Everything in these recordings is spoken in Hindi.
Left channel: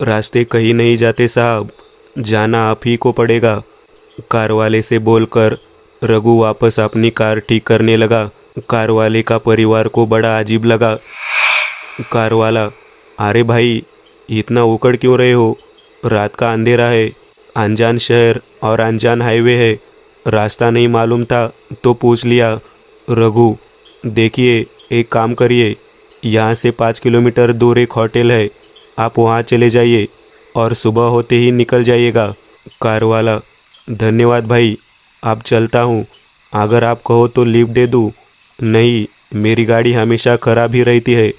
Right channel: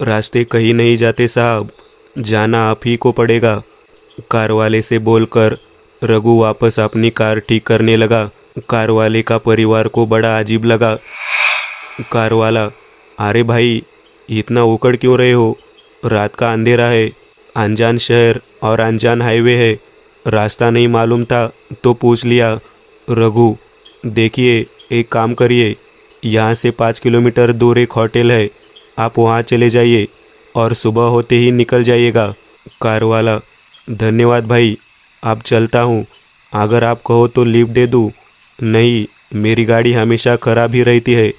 रास्ते कहीं नहीं जाते साहब, जाना आप ही को पड़ेगा। कार वाले से बोलकर रघु वापस अपनी कार ठीक करने लगा। कार वाले का परिवार को बड़ा अजीब लगा। कार वाला, अरे भाई, इतना उकड़ क्यों रहे हो? रात का अंधेरा है, अनजान शहर और अनजान हाईवे है, रास्ता नहीं मालूम था तो पूछ लिया। रघु, देखिए, एक काम करिए, यहाँ से 5 किलोमीटर दूर एक होटल है, आप वहाँ चले जाइए और सुबह होते ही निकल जाइएगा। कार वाला, धन्यवाद भाई, अब चलता हूँ। अगर आप कहो तो लिफ्ट दे दूँ? नहीं, मेरी गाड़ी हमेशा खराब ही रहती है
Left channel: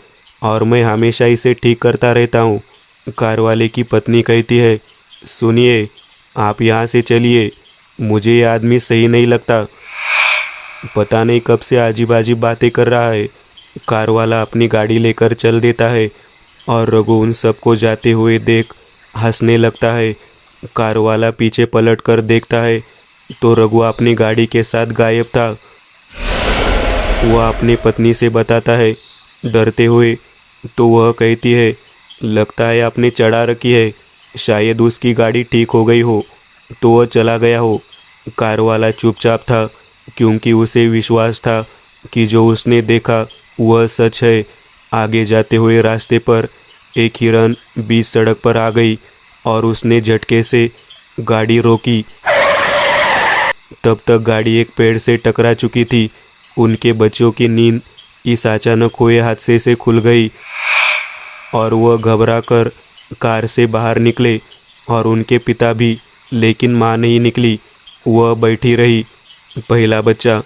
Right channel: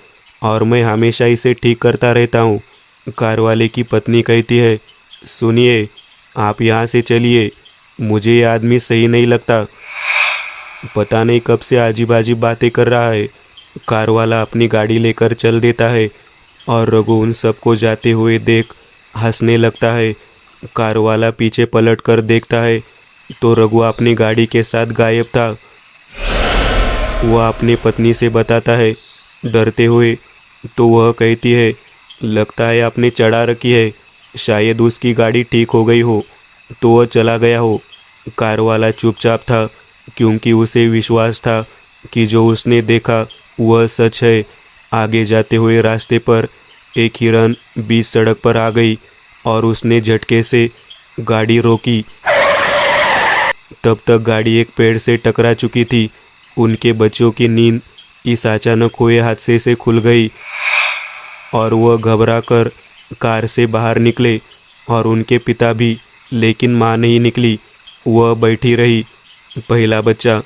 और मैं हमेशा इसे ठीक करता रहता हूँ। कार वाले की पत्नी कहती है, सुनिए, आप यहाँ से चलिए, मुझे ये आदमी सही नहीं लगता, पता नहीं कब से अजीब अजीब बातें कर रहा है। कार वाला अपनी गाड़ी लेकर चल देता है और रघु उन सबको जाते हुए देख हंसने लगता है। कार वाला पीछे पलट कर देखता है तो रघु अपनी गाड़ी के साथ गायब था। वह अपनी पत्नी से बताता है डरते हुए, तो वह कहती है, लगता है आपने चढ़ा रखी है, शायद उसकी गाड़ी ठीक हो गई हो तो वह चला गया हो। कार वाला चुपचाप था क्योंकि उसे विश्वास था कि जो उसने देखा वह सच है। आगे जाते हुए रास्ते पर एक हिरन बीच सड़क पर आ गई और उसने झटके से गाड़ी रोकी। तब तक गाड़ी एक पेड़ से टकरा चुकी थी। उनके बच्चों की नींद इस अचानक हुए हादसे से खुल गई और वह घबरा कर कार से बाहर निकले और उनके पिता भी, लेकिन माँ नहीं निकली। वह बैठी रही। पहला बच्चा,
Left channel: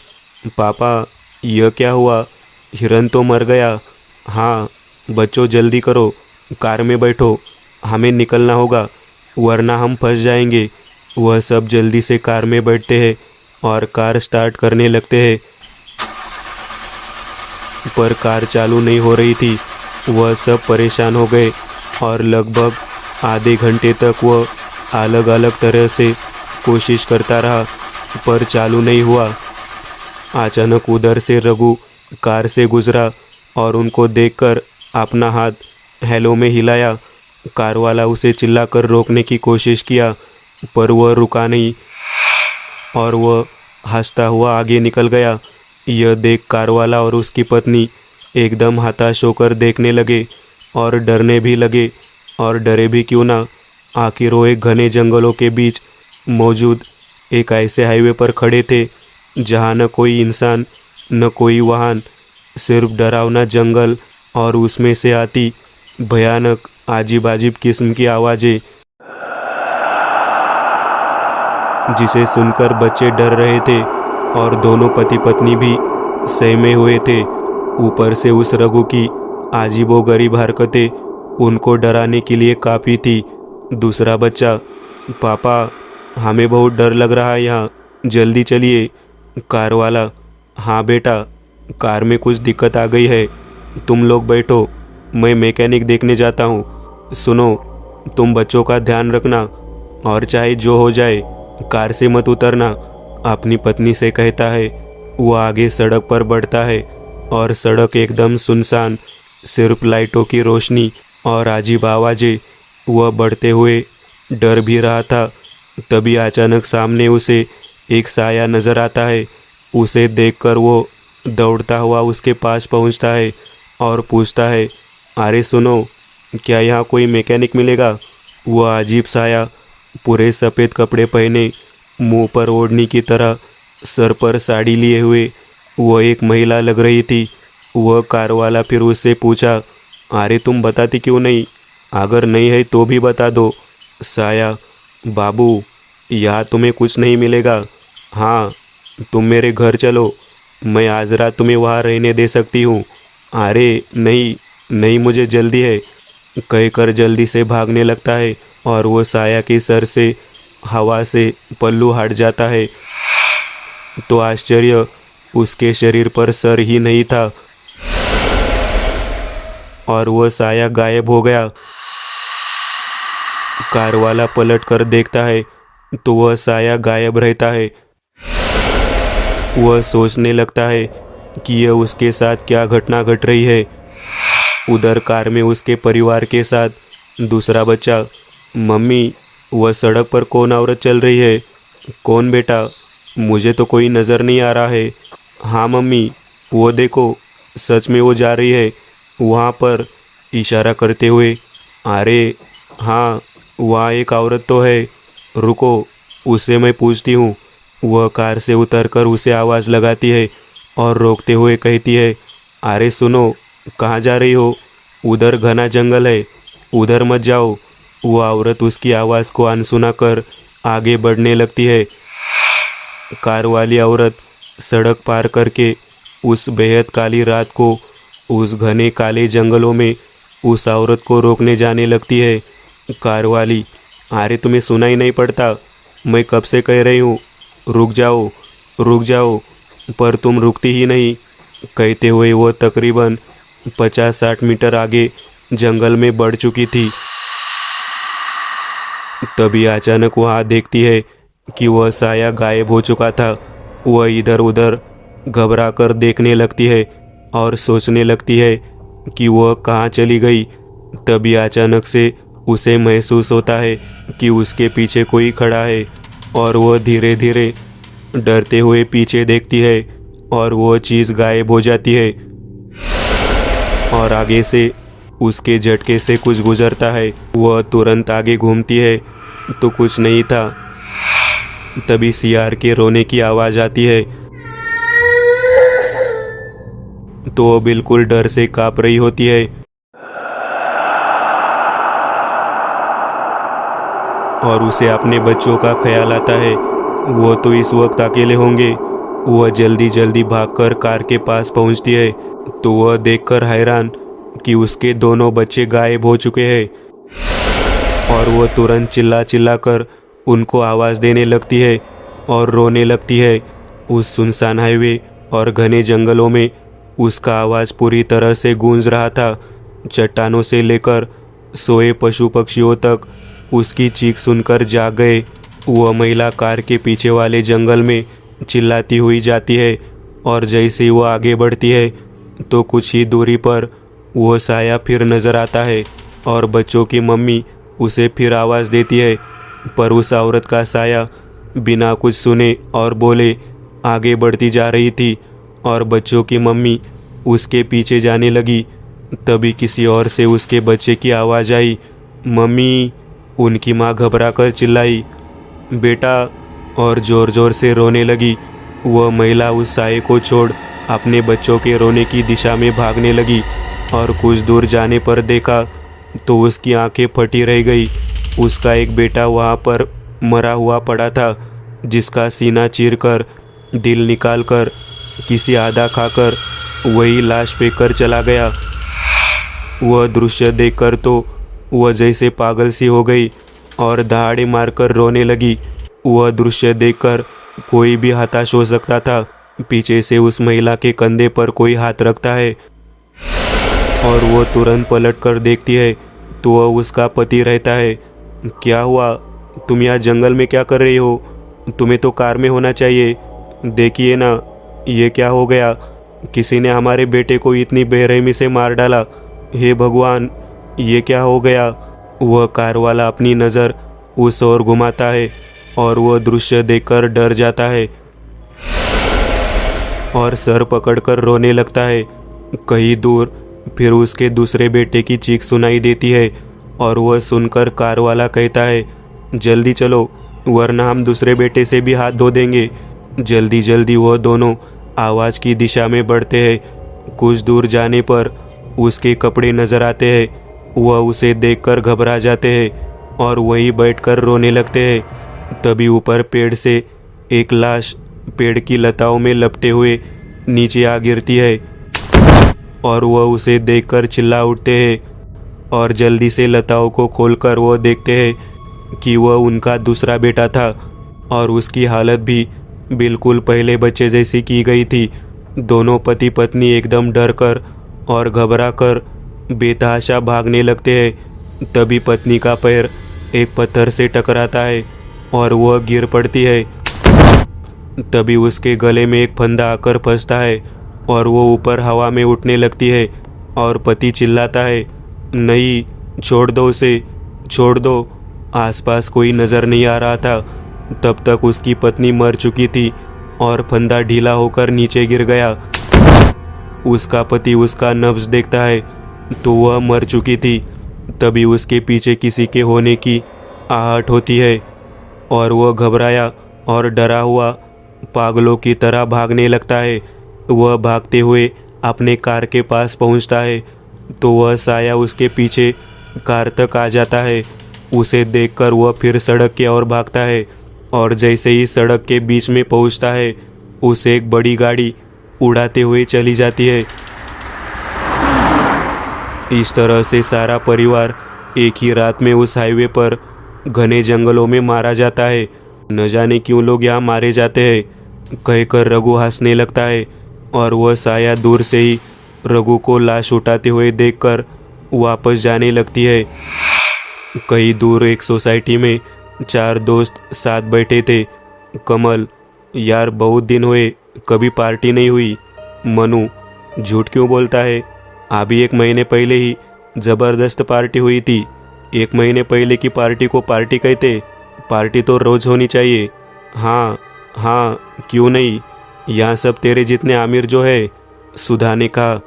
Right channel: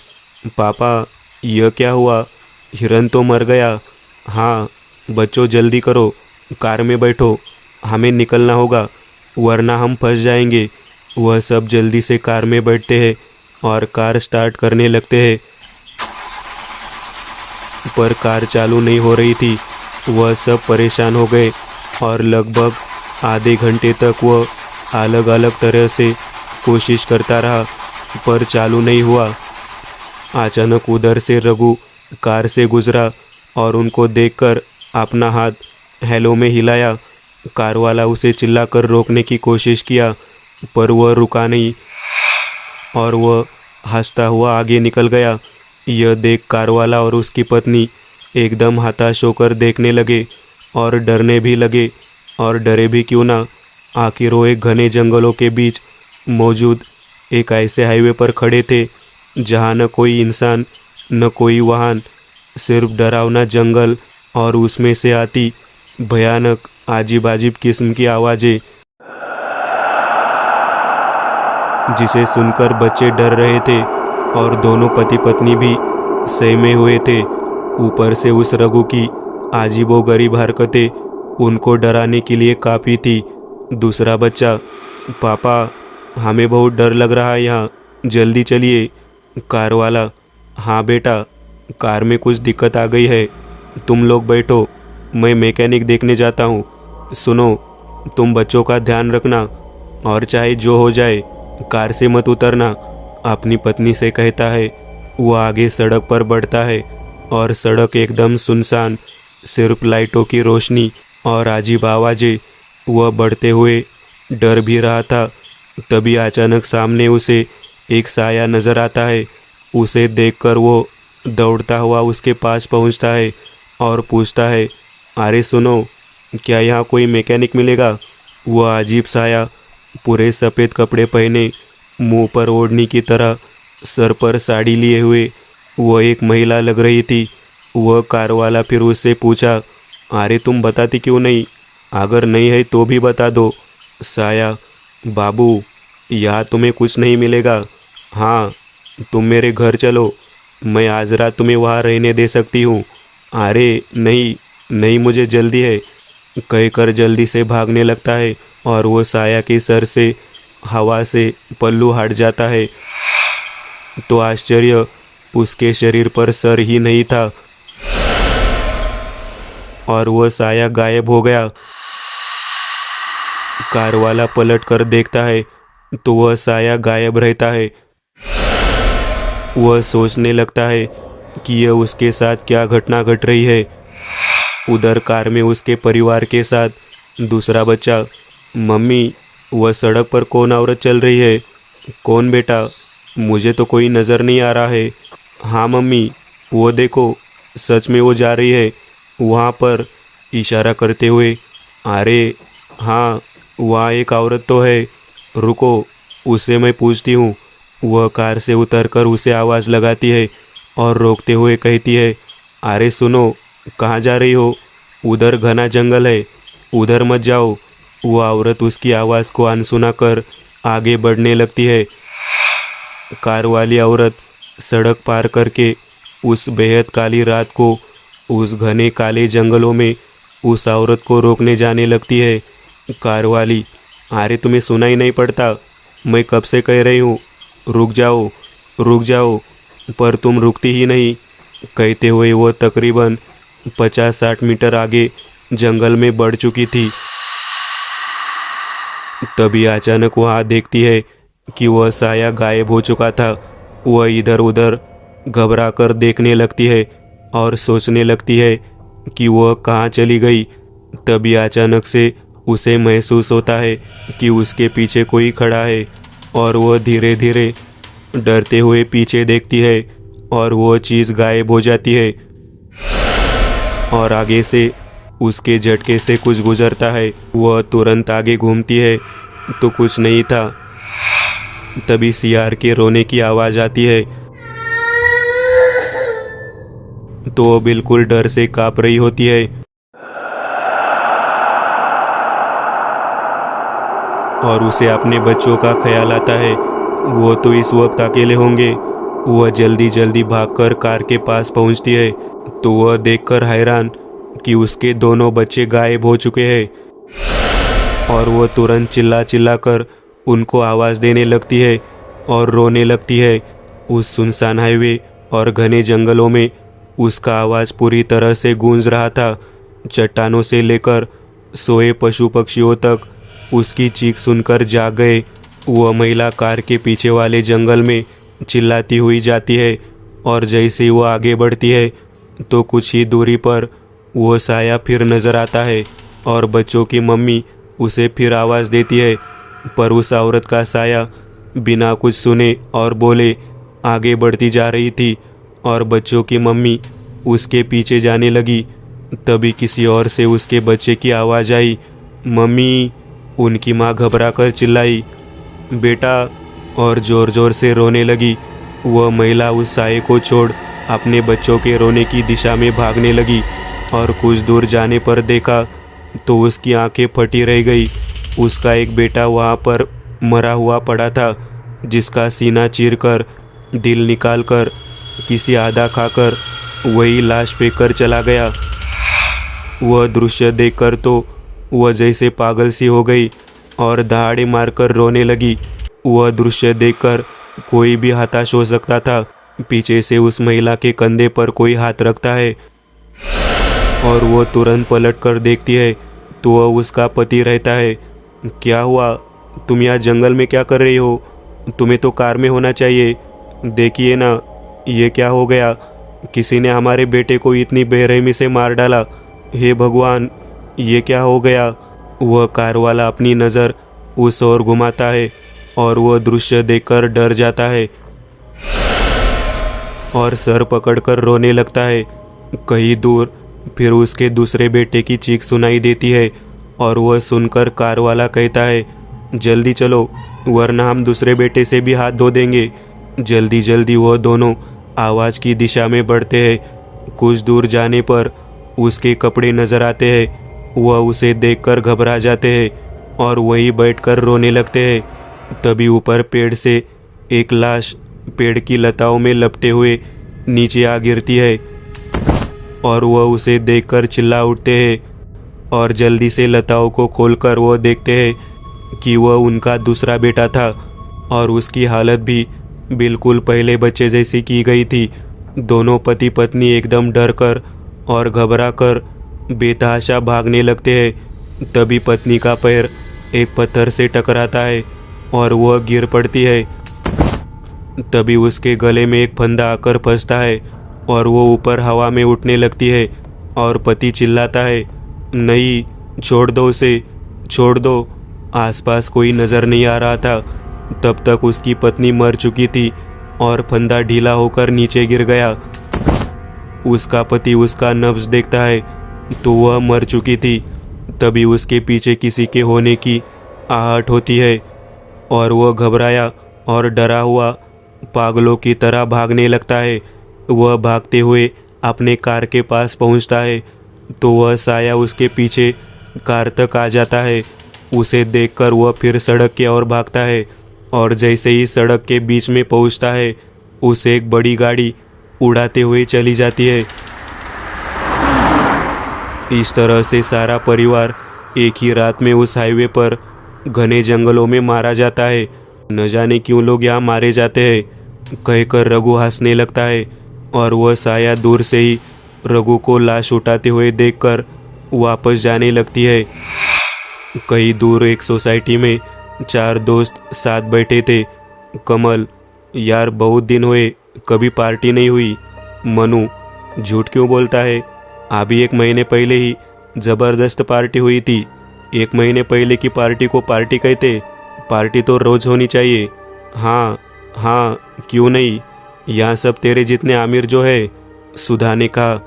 पापा, यह क्या हुआ? हिरन तो मर गया। हाँ बच्चों, जल्दी करो, कार में बैठो, हमें निकलना होगा वरना हम फंस जाएंगे। वह सब जल्दी से कार में बैठते हैं और कार स्टार्ट करने लगते हैं, पर कार चालू नहीं हो रही थी। वह सब परेशान हो गए और लगभग आधे घंटे तक वह अलग अलग तरह से कोशिश करता रहा, पर चालू नहीं हुआ। अचानक उधर से रघु कार से गुजरा और उनको देखकर अपना हाथ हेलो में हिलाया। कार वाला उसे चिल्लाकर रोकने की कोशिश किया, पर वह रुका नहीं और वह हंसता हुआ आगे निकल गया। यह देख कार वाला और उसकी पत्नी एकदम हताश होकर देखने लगे और डरने भी लगे। और डरे भी क्यों ना, आखिर वो एक घने जंगलों के बीच मौजूद एक ऐसे हाईवे पर खड़े थे जहाँ न कोई इंसान न कोई वाहन, सिर्फ डरावना जंगल और उसमें से आती भयानक अजीब अजीब किस्म की आवाज़ें, जिसे सुनकर बच्चे डर रहे थे और दोनों पति पत्नी भी सहमे हुए थे। ऊपर से उस रघु की अजीबोगरीब हरकतें उनको डराने के लिए काफ़ी थी। दूसरा बच्चा, पापा, हमें बहुत डर लग रहा है यहाँ, जल्दी चलिए। कार वाला, हाँ बेटा, कार में कुछ दिक्कत आ गई है, तुम लोग बैठो, मैं मैकेनिक देखने जाता हूँ। सुनो, तुम बच्चों का ध्यान रखना और चाहे जो हो जाए कार से मत उतरना, अपनी पत्नी से कहता है। वह आगे सड़क पर बढ़ता है और सड़क एकदम सुनसान, सिर्फ लाइटों की रोशनी और अजीब आवाज़ें। वह बढ़ते हुए डर भी रहा था। तभी अचानक सामने उसे एक साया नज़र आता है। उसे देखकर वो दौड़ता हुआ उसके पास पहुंचता है और पूछता है, अरे सुनो, क्या यहाँ कोई मैकेनिक मिलेगा? वह अजीब साया पूरे सफ़ेद कपड़े पहने, मुंह पर ओढ़नी की तरह, सर पर साड़ी लिए हुए वह एक महिला लग रही थी। वह कार वाला फिर उससे पूछा, अरे तुम बताती क्यों नहीं? अगर नहीं है तो भी बता दो। साया, बाबू, यहाँ तुम्हें कुछ नहीं मिलेगा। हाँ, तुम मेरे घर चलो, मैं आज रात तुम्हें वहाँ रहने दे सकती हूँ। अरे नहीं नहीं, मुझे जल्दी है, कहकर जल्दी से भागने लगता है और वो साया के सर से हवा से पल्लू हट जाता है। तो आश्चर्य, उसके शरीर पर सर ही नहीं था और वह साया गायब हो गया। कार वाला पलट कर देखता है तो वह साया गायब रहता है। वह सोचने लगता है कि यह उसके साथ क्या घटना घट रही है। उधर कार में उसके परिवार के साथ दूसरा बच्चा, मम्मी वह सड़क पर कौन औरत चल रही है? कौन बेटा? मुझे तो कोई नज़र नहीं आ रहा है। हाँ मम्मी, वो देखो, सच में वो जा रही है वहाँ पर, इशारा करते हुए। अरे हाँ, वहाँ एक औरत तो है, रुको, उससे मैं पूछती हूँ। वह कार से उतरकर उसे आवाज़ लगाती है और रोकते हुए कहती है, अरे सुनो, कहाँ जा रही हो? उधर घना जंगल है, उधर मत जाओ। वो औरत उसकी आवाज़ को अनसुना कर आगे बढ़ने लगती है। कार वाली औरत सड़क पार करके उस बेहद काली रात को उस घने काले जंगलों में उस औरत को रोकने जाने लगती है। कार वाली, अरे तुम्हें सुनाई नहीं पड़ता? मैं कब से कह रही हूँ, रुक जाओ, रुक जाओ, पर तुम रुकती ही नहीं। कहते हुए वो तकरीबन 50-60 मीटर आगे जंगल में बढ़ चुकी थी। तभी अचानक वह देखती है कि वह साया गायब हो चुका था। वह इधर उधर घबरा कर देखने लगती है और सोचने लगती है कि वह कहाँ चली गई। तभी अचानक से उसे महसूस होता है कि उसके पीछे कोई खड़ा है और वह धीरे धीरे डरते हुए पीछे देखती है और वह चीज़ गायब हो जाती है और आगे से उसके झटके से कुछ गुजरता है। वह तुरंत आगे घूमती है तो कुछ नहीं था। तभी सियार के रोने की आवाज़ आती है तो वो बिल्कुल डर से काँप रही होती है और उसे अपने बच्चों का ख्याल आता है। वो तो इस वक्त अकेले होंगे। वह जल्दी जल्दी भागकर कार के पास पहुंचती है तो वह देखकर हैरान कि उसके दोनों बच्चे गायब हो चुके हैं और वह तुरंत चिल्ला चिल्ला कर उनको आवाज़ देने लगती है और रोने लगती है। उस सुनसान हाईवे और घने जंगलों में उसका आवाज़ पूरी तरह से गूंज रहा था। चट्टानों से लेकर सोए पशु पक्षियों तक उसकी चीख सुनकर जाग गए। वह महिला कार के पीछे वाले जंगल में चिल्लाती हुई जाती है और जैसे ही वह आगे बढ़ती है तो कुछ ही दूरी पर वह साया फिर नज़र आता है और बच्चों की मम्मी उसे फिर आवाज़ देती है, पर उस औरत का साया बिना कुछ सुने और बोले आगे बढ़ती जा रही थी और बच्चों की मम्मी उसके पीछे जाने लगी। तभी किसी और से उसके बच्चे की आवाज़ आई, मम्मी। उनकी माँ घबरा कर चिल्लाई, बेटा, और ज़ोर ज़ोर से रोने लगी। वह महिला उस साये को छोड़ अपने बच्चों के रोने की दिशा में भागने लगी और कुछ दूर जाने पर देखा तो उसकी आंखें फटी रह गई। उसका एक बेटा वहाँ पर मरा हुआ पड़ा था, जिसका सीना चीरकर दिल निकालकर किसी आधा खाकर वही लाश फेंक कर चला गया। वह दृश्य देखकर तो वह जैसे पागल सी हो गई और दहाड़े मारकर रोने लगी। वह दृश्य देखकर कोई भी हताश हो सकता था। पीछे से उस महिला के कंधे पर कोई हाथ रखता है और वो तुरंत पलट कर देखती है तो वह उसका पति रहता है। क्या हुआ? तुम यहाँ जंगल में क्या कर रही हो? तुम्हें तो कार में होना चाहिए। देखिए ना, ये क्या हो गया? किसी ने हमारे बेटे को इतनी बेरहमी से मार डाला। हे भगवान, ये क्या हो गया? वह कार वाला अपनी नज़र उस ओर घुमाता है और वह दृश्य देखकर डर जाता है और सर पकड़कर रोने लगता है। कहीं दूर फिर उसके दूसरे बेटे की चीख सुनाई देती है और वह सुनकर कार वाला कहता है, जल्दी चलो, वरना हम दूसरे बेटे से भी हाथ धो देंगे। जल्दी जल्दी वह दोनों आवाज़ की दिशा में बढ़ते हैं। कुछ दूर जाने पर उसके कपड़े नजर आते हैं। वह उसे देखकर घबरा जाते हैं और वहीं बैठकर रोने लगते हैं। तभी ऊपर पेड़ से एक लाश पेड़ की लताओं में लपटे हुए नीचे आ गिरती है और वह उसे देखकर चिल्ला उठते हैं और जल्दी से लताओं को खोलकर वह देखते हैं कि वह उनका दूसरा बेटा था और उसकी हालत भी बिल्कुल पहले बच्चे जैसी की गई थी। दोनों पति पत्नी एकदम डर कर और घबरा कर बेतहाशा भागने लगते हैं। तभी पत्नी का पैर एक पत्थर से टकराता है और वह गिर पड़ती है। तभी उसके गले में एक फंदा आकर फंसता है और वो ऊपर हवा में उठने लगती है और पति चिल्लाता है, नहीं, छोड़ दो उसे, छोड़ दो। आसपास कोई नज़र नहीं आ रहा था। तब तक उसकी पत्नी मर चुकी थी और फंदा ढीला होकर नीचे गिर गया। उसका पति उसका नब्ज देखता है तो वह मर चुकी थी। तभी उसके पीछे किसी के होने की आहट होती है और वह घबराया और डरा हुआ पागलों की तरह भागने लगता है। वह भागते हुए अपने कार के पास पहुंचता है तो वह साया उसके पीछे कार तक आ जाता है। उसे देखकर वह फिर सड़क की ओर भागता है और जैसे ही सड़क के बीच में पहुंचता है उसे एक बड़ी गाड़ी उड़ाते हुए चली जाती है। इस तरह से सारा परिवार एक ही रात में उस हाईवे पर घने जंगलों में मारा जाता है। न जाने क्यों लोग यहाँ मारे जाते हैं, कहकर रघु हंसने लगता है और वह साया दूर से ही रघु को लाश उठाते हुए देखकर वापस जाने लगती है। कहीं दूर एक सोसाइटी में 4 दोस्त साथ बैठे थे। कमल, यार बहुत दिन हुए, कभी पार्टी नहीं हुई। मनु, झूठ क्यों बोलता है, अभी 1 महीने पहले ही ज़बरदस्त पार्टी हुई थी। 1 महीने पहले की पार्टी को पार्टी कहते? पार्टी तो रोज़ होनी चाहिए। हाँ हाँ, क्यों नहीं, यहाँ सब तेरे जितने आमिर जो है। सुधा ने कहा।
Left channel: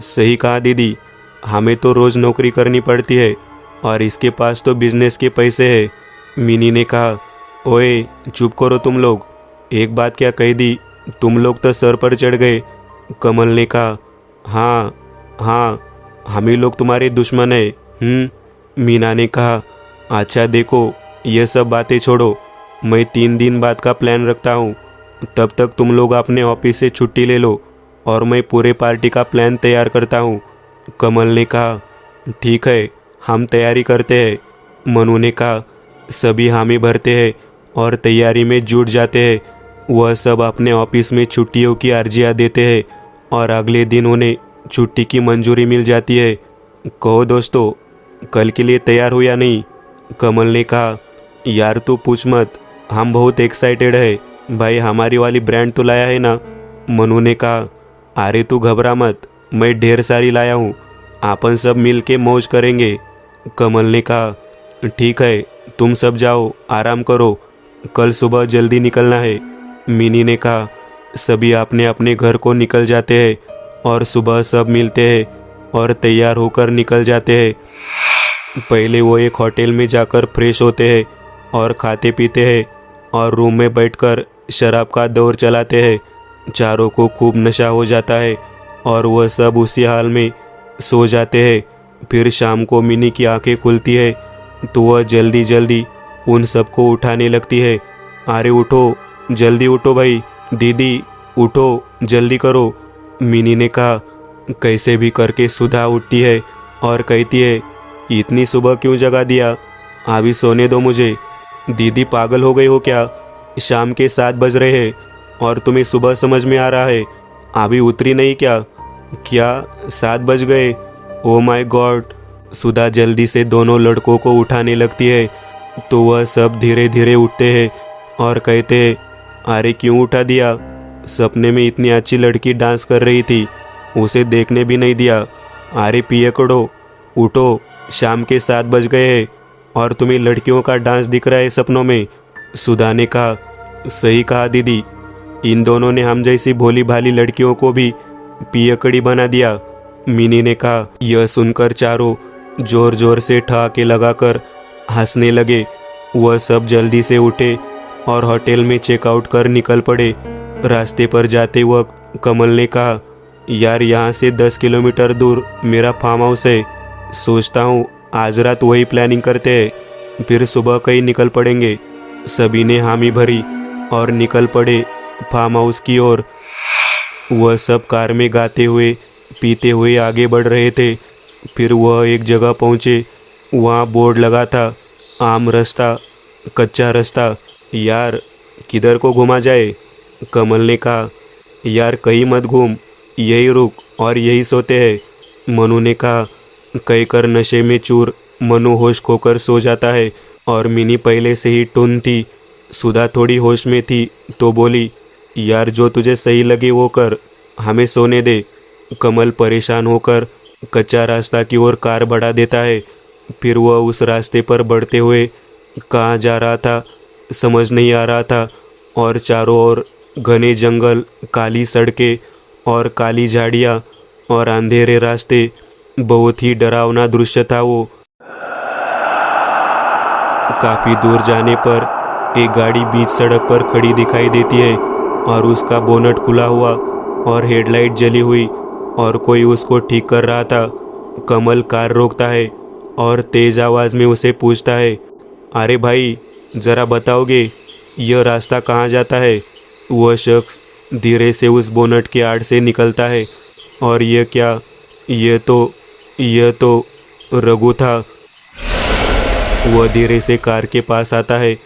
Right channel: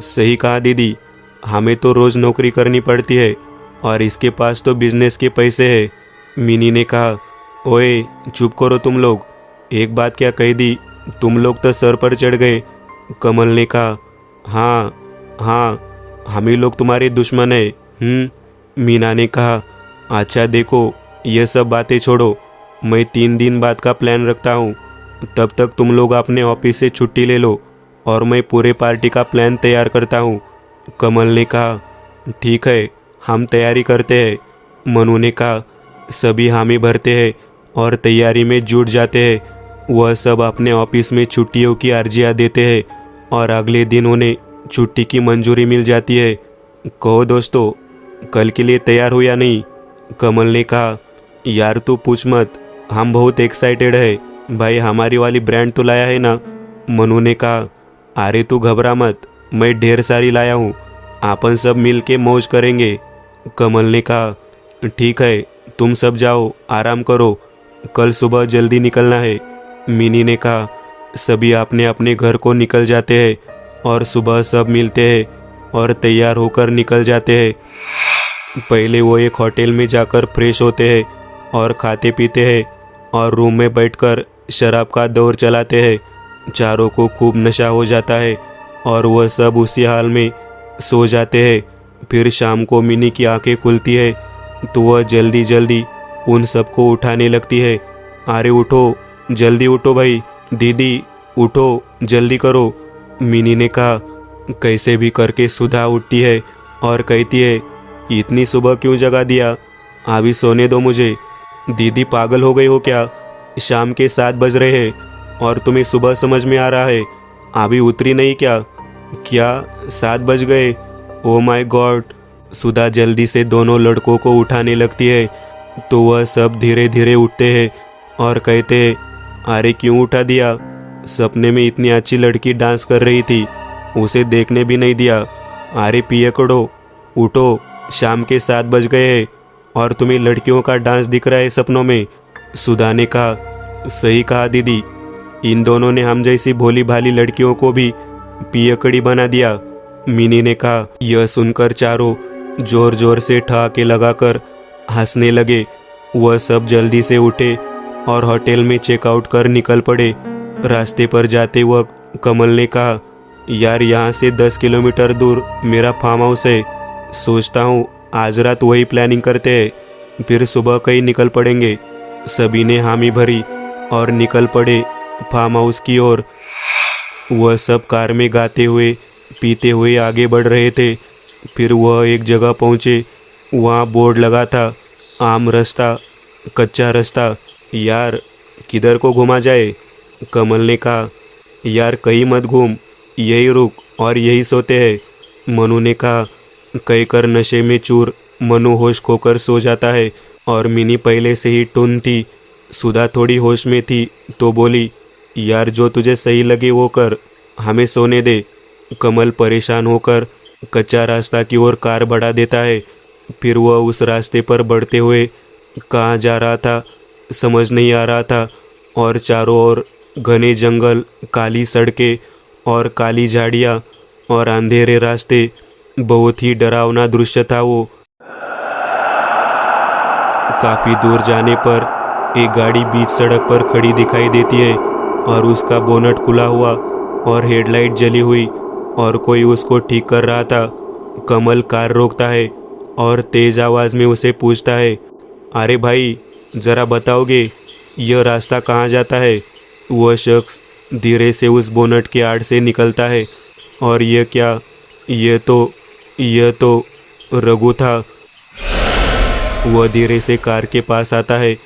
सही कहा दीदी, हमें तो रोज़ नौकरी करनी पड़ती है और इसके पास तो बिजनेस के पैसे हैं। मिनी ने कहा। ओए चुप करो तुम लोग, एक बात क्या कह दी, तुम लोग तो सर पर चढ़ गए। कमल ने कहा। हाँ हाँ, हम ही लोग तुम्हारे दुश्मन है। मीना ने कहा। अच्छा देखो, ये सब बातें छोड़ो, मैं 3 दिन बाद का प्लान रखता हूँ। तब तक तुम लोग अपने ऑफिस से छुट्टी ले लो और मैं पूरे पार्टी का प्लान तैयार करता हूँ। कमल ने कहा। ठीक है, हम तैयारी करते हैं। मनु ने कहा। सभी हामी भरते हैं और तैयारी में जुट जाते हैं। वह सब अपने ऑफिस में छुट्टियों की अर्जियाँ देते हैं और अगले दिन उन्हें छुट्टी की मंजूरी मिल जाती है। कहो दोस्तों, कल के लिए तैयार हो या नहीं? कमल ने कहा। यार तू पूछ मत, हम बहुत एक्साइटेड है भाई, हमारी वाली ब्रांड तो लाया है ना? मनु ने कहा। अरे तू घबरा मत, मैं ढेर सारी लाया हूँ, अपन सब मिल के मौज करेंगे। कमल ने कहा। ठीक है, तुम सब जाओ, आराम करो, कल सुबह जल्दी निकलना है। मिनी ने कहा। सभी अपने अपने घर को निकल जाते हैं और सुबह सब मिलते हैं और तैयार होकर निकल जाते हैं। पहले वो एक होटल में जाकर फ्रेश होते हैं और खाते पीते हैं और रूम में बैठकर शराब का दौर चलाते हैं। चारों को खूब नशा हो जाता है और वह सब उसी हाल में सो जाते हैं। फिर शाम को मिनी की आंखें खुलती है तो वह जल्दी जल्दी उन सबको उठाने लगती है। अरे उठो, जल्दी उठो भाई, दीदी उठो, जल्दी करो। मिनी ने कहा। कैसे भी करके सुधा उठती है और कहती है, इतनी सुबह क्यों जगा दिया, अभी सोने दो मुझे। दीदी पागल हो गई हो क्या, शाम के 7 बज रहे हैं और तुम्हें सुबह समझ में आ रहा है, अभी उतरी नहीं क्या? क्या 7 बज गए? Oh my God. सुधा जल्दी से दोनों लड़कों को उठाने लगती है तो वह सब धीरे धीरे उठते हैं और कहते हैं, अरे क्यों उठा दिया, सपने में इतनी अच्छी लड़की डांस कर रही थी, उसे देखने भी नहीं दिया। अरे पिए करो, उठो, शाम के 7 बज गए हैं और तुम्हें लड़कियों का डांस दिख रहा है सपनों में। सुधा ने कहा। सही कहा दीदी, इन दोनों ने हम जैसी भोली भाली लड़कियों को भी पियकड़ी बना दिया। मिनी ने कहा। यह सुनकर चारों जोर जोर से ठहाके लगाकर हंसने लगे। वह सब जल्दी से उठे और होटल में चेकआउट कर निकल पड़े। रास्ते पर जाते वक्त कमल ने कहा, यार यहाँ से 10 किलोमीटर दूर मेरा फार्म हाउस है, सोचता हूँ आज रात वही प्लानिंग करते हैं, फिर सुबह कहीं निकल पड़ेंगे। सभी ने हामी भरी और निकल पड़े फार्म हाउस की ओर। वह सब कार में गाते हुए पीते हुए आगे बढ़ रहे थे। फिर वह एक जगह पहुँचे, वहाँ बोर्ड लगा था, आम रास्ता, कच्चा रास्ता। यार किधर को घुमा जाए? कमल ने कहा। यार कहीं मत घूम, यही रुक और यही सोते हैं। मनु ने कहा। कहकर नशे में चूर मनु होश खोकर सो जाता है और मिनी पहले से ही टुन थी। सुधा थोड़ी होश में थी तो बोली, यार जो तुझे सही लगे वो कर, हमें सोने दे। कमल परेशान होकर कच्चा रास्ता की ओर कार बढ़ा देता है फिर वह उस रास्ते पर बढ़ते हुए कहाँ जा रहा था समझ नहीं आ रहा था। और चारों ओर घने जंगल, काली सड़कें और काली झाड़ियाँ और अंधेरे रास्ते। बहुत ही डरावना दृश्य था वो। काफी दूर जाने पर एक गाड़ी बीच सड़क पर खड़ी दिखाई देती है और उसका बोनट खुला हुआ और हेडलाइट जली हुई और कोई उसको ठीक कर रहा था। कमल कार रोकता है और तेज आवाज में उसे पूछता है, अरे भाई, जरा बताओगे यह रास्ता कहाँ जाता है? वह शख्स धीरे से उस बोनट के आड़ से निकलता है और यह क्या, यह तो रघु था। वह धीरे से कार के पास आता है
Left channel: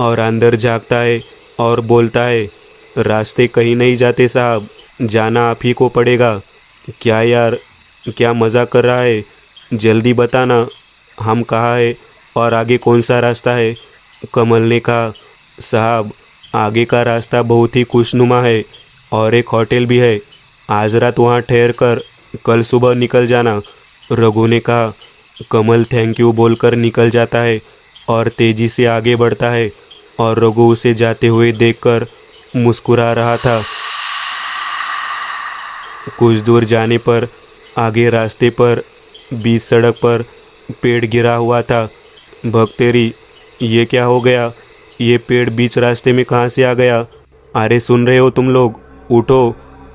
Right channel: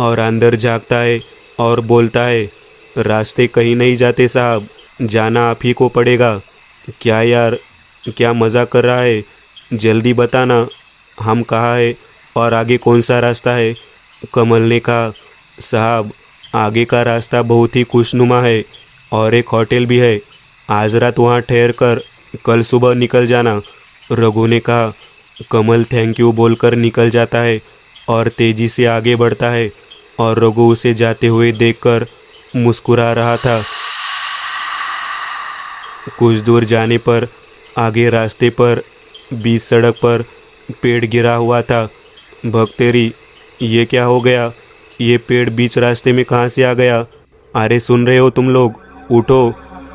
और अंदर झांकता है और बोलता है, रास्ते कहीं नहीं जाते साहब, जाना आप ही को पड़ेगा। क्या यार, क्या मज़ा कर रहा है? जल्दी बताना हम कहाँ है और आगे कौन सा रास्ता है? कमल ने कहा, साहब, आगे का रास्ता बहुत ही खुशनुमा है और एक होटल भी है। आज रात वहाँ ठहर कर कल सुबह निकल जाना। रघु ने कहा। कमल थैंक यू बोलकर निकल जाता है और तेजी से आगे बढ़ता है और रघु उसे जाते हुए देखकर मुस्कुरा रहा था। कुछ दूर जाने पर आगे रास्ते पर बीच सड़क पर पेड़ गिरा हुआ था। भक्तेरी, ये क्या हो गया? ये पेड़ बीच रास्ते में कहाँ से आ गया? अरे सुन रहे हो तुम लोग? उठो।